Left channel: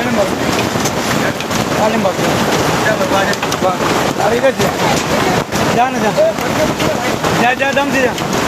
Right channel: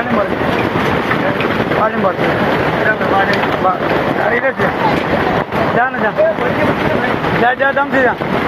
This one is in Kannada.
ವಾಲ್ಯೂಮ್ ಬರ್ತದೆ ವಾಲ್ಯೂಮ್ ಬರ್ತದೆ ಅರೆ ಇದೆ जा ना जा जा जा दम से जा